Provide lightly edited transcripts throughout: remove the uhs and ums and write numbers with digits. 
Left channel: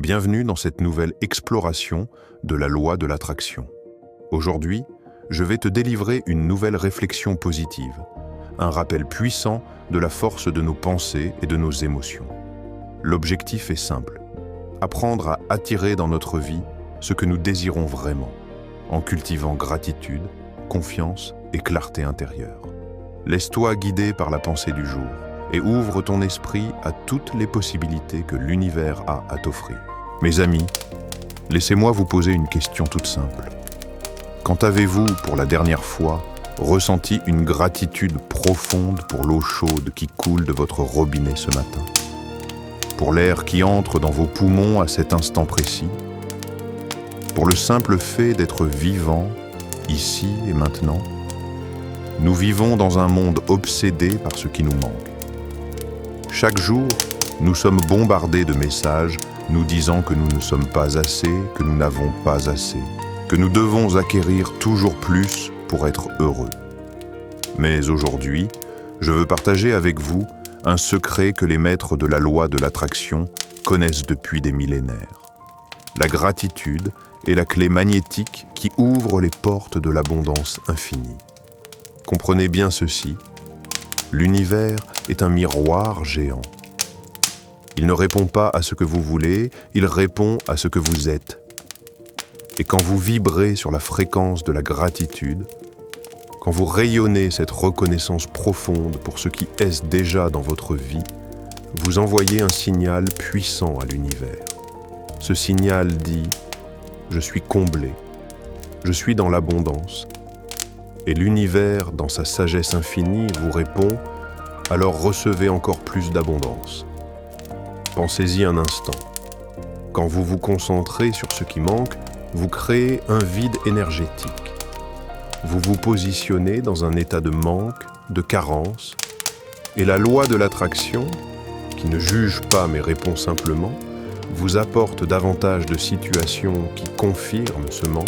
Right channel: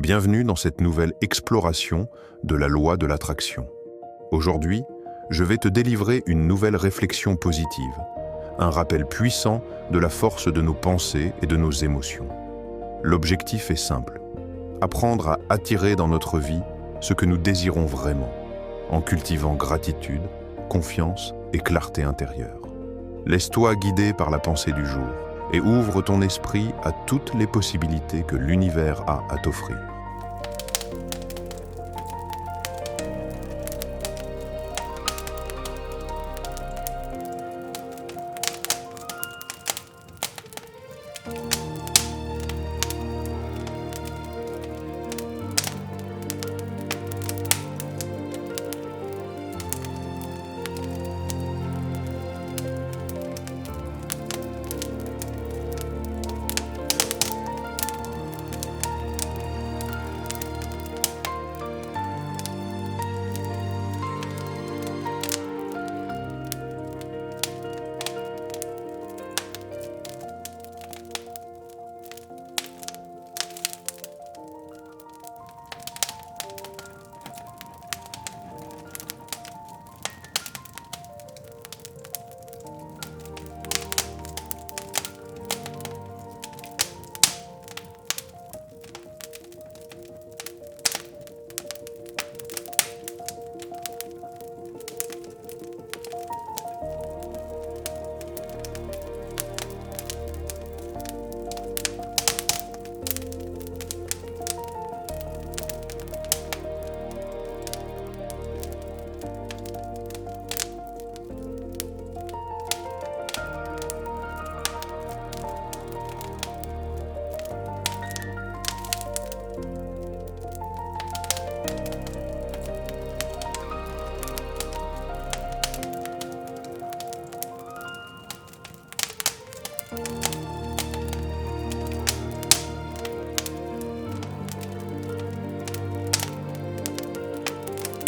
Bienvenue dans cette nouvelle exploration de la loi de l'attraction. Aujourd'hui, je vais te délivrer une nouvelle réflexion positive, un rappel puissant de la force de nos pensées et de nos émotions. L'objectif est simple, apprendre à attirer dans notre vie ce que nous désirons vraiment, en cultivant gratitude, confiance et clarté intérieure. Laisse-toi guider par la pensée du jour et ouvre ton esprit à toutes les possibilités que l'univers a à t'offrir. Mes amis, laissez-moi vous poser une question toute simple. Quand avez-vous, pour la dernière fois, ressenti une gratitude profonde pour l'eau chaude qui coule de votre robinet ce matin? Pour l'air qui entre dans vos poumons à cet instant précis? Pour le simple fait d'être vivant, ici et maintenant? Nous vivons dans un monde obsédé par ce qui nous manque. Chaque jour, nous sommes bombardés de messages nous disant que nous ne sommes pas assez, que nous n'avons pas assez, que nous devons acquérir toujours plus pour être heureux. Mais aujourd'hui, je veux partager avec vous un secret que les maîtres de la loi de l'attraction connaissent depuis des millénaires. La gratitude est la clé magnétique qui ouvre les portes de l'abondance infinie. Comprenez bien ceci, l'univers est un miroir géant. Il ne répond pas à ce que vous voulez, il répond à ce que vous êtes. Et quand vous vibrez sur la fréquence de la gratitude, quand vous rayonnez cette reconnaissance profonde pour ce qui est déjà dans votre vie, vous envoyez un signal puissant à l'univers. Ce signal dit « Je suis comblé, je suis dans l'abondance ». Et l'univers, dans sa sagesse infinie, vous répond « Alors recevez encore plus d'abondance ». Pensez-y un instant. Quand vous vous concentrez sur ce qui manque, vous créez un vide énergétique. Vous vous positionnez dans un état de manque, de carence, et la loi de l'attraction, qui ne juge pas mais répond simplement, vous apporte davantage de situations qui confirment ce manque.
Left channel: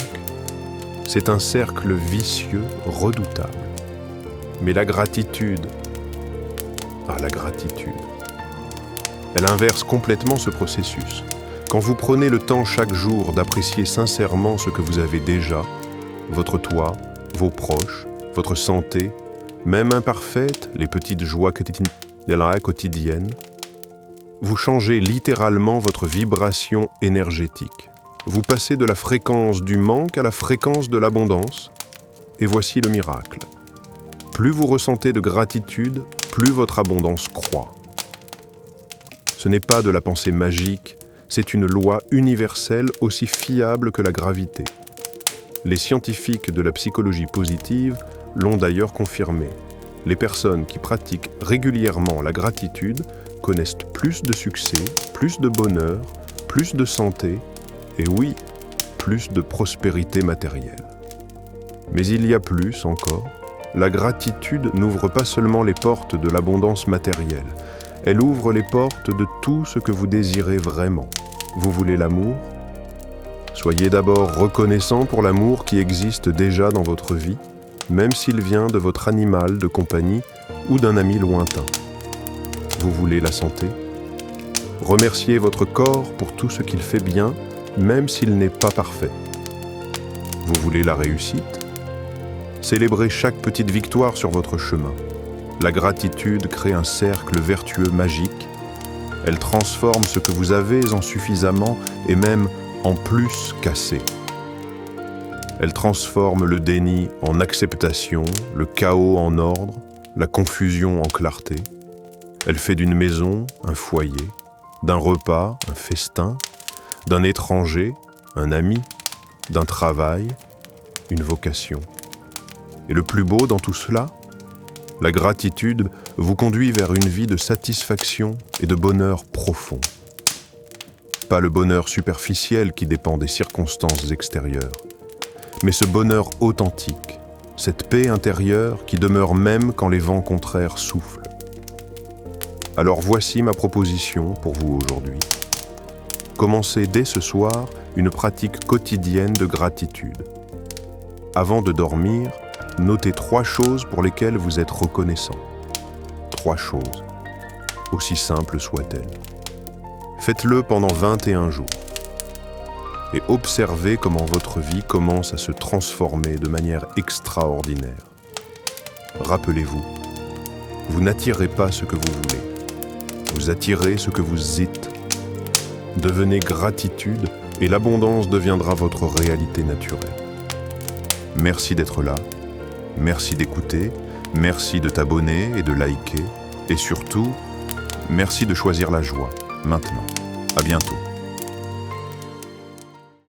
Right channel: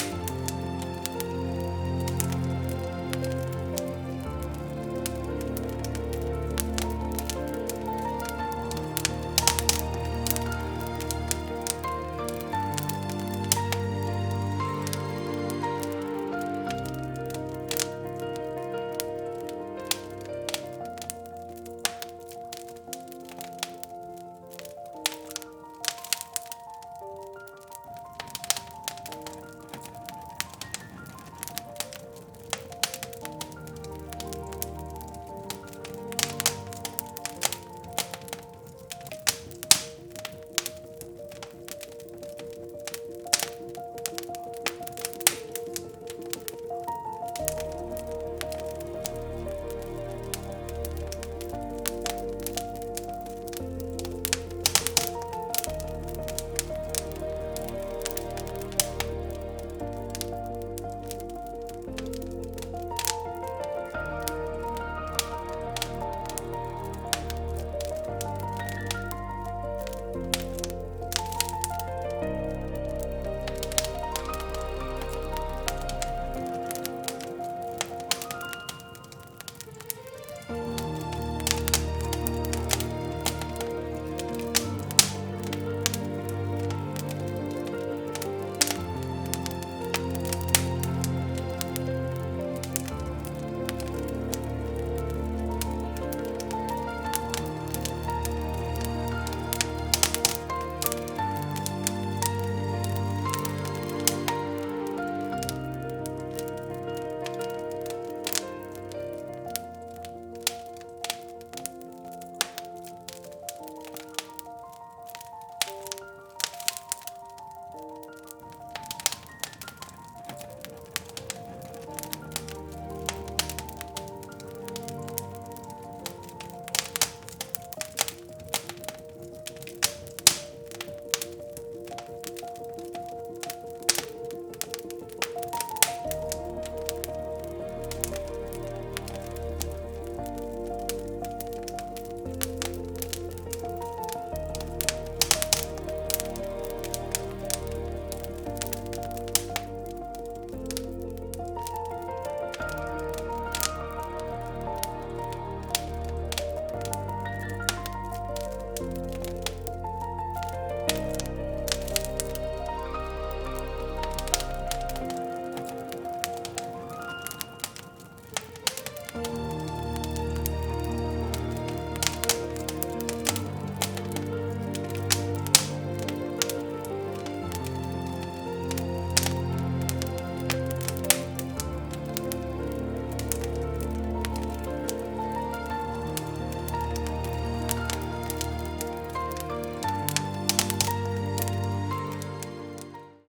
C'est un cercle vicieux redoutable. Mais la gratitude, la gratitude, elle inverse complètement ce processus. Quand vous prenez le temps chaque jour d'apprécier sincèrement ce que vous avez déjà, votre toit, vos proches, votre santé, même imparfaite, les petites joies de la quotidienne, vous changez littéralement votre vibration énergétique. Vous passez de la fréquence du manque à la fréquence de l'abondance, et voici le miracle. Plus vous ressentez de gratitude, plus votre abondance croît. Ce n'est pas de la pensée magique, c'est une loi universelle aussi fiable que la gravité. Les scientifiques de la psychologie positive l'ont d'ailleurs confirmé. Les personnes qui pratiquent régulièrement la gratitude connaissent plus de succès, plus de bonheur, plus de santé et oui, plus de prospérité matérielle. Mais il y a plus encore. La gratitude n'ouvre pas seulement les portes de l'abondance matérielle. Elle ouvre les portes de tout ce que vous désirez vraiment. Vous voulez l'amour? Soyez d'abord reconnaissant pour l'amour qui existe déjà dans votre vie, même s'il vient de votre animal de compagnie ou d'un ami lointain. Vous voulez la santé? Remerciez votre corps pour tout ce qu'il fait bien, même s'il n'est pas parfait. Vous voulez la réussite? Célébrez chaque petite victoire sur votre chemin. La gratitude crée un cercle vertueux magique. Elle transforme ce que vous avez en suffisamment et même en plus qu'assez. Elle transforme le déni en acceptation, le chaos en ordre, la confusion en clarté. Elle fait d'une maison un foyer, d'un repas un festin, d'un étranger un ami, d'un travail une vocation. Et le plus beau dans tout cela, la gratitude vous conduit vers une vie de satisfaction et de bonheur profond. Pas le bonheur superficiel qui dépend des circonstances extérieures, mais ce bonheur authentique, cette paix intérieure qui demeure même quand les vents contraires soufflent. Alors voici ma proposition pour vous aujourd'hui. Commencez dès ce soir une pratique quotidienne de gratitude. Avant de dormir, notez 3 choses pour lesquelles vous êtes reconnaissant. 3 choses, aussi simples soient-elles. Faites-le pendant 21 jours. Et observez comment votre vie commence à se transformer de manière extraordinaire. Rappelez-vous, vous n'attirez pas ce que vous voulez. Vous attirez ce que vous êtes. Devenez gratitude et l'abondance deviendra votre réalité naturelle. Merci d'être là, merci d'écouter, merci de t'abonner et de liker, et surtout, merci de choisir la joie, maintenant. À bientôt.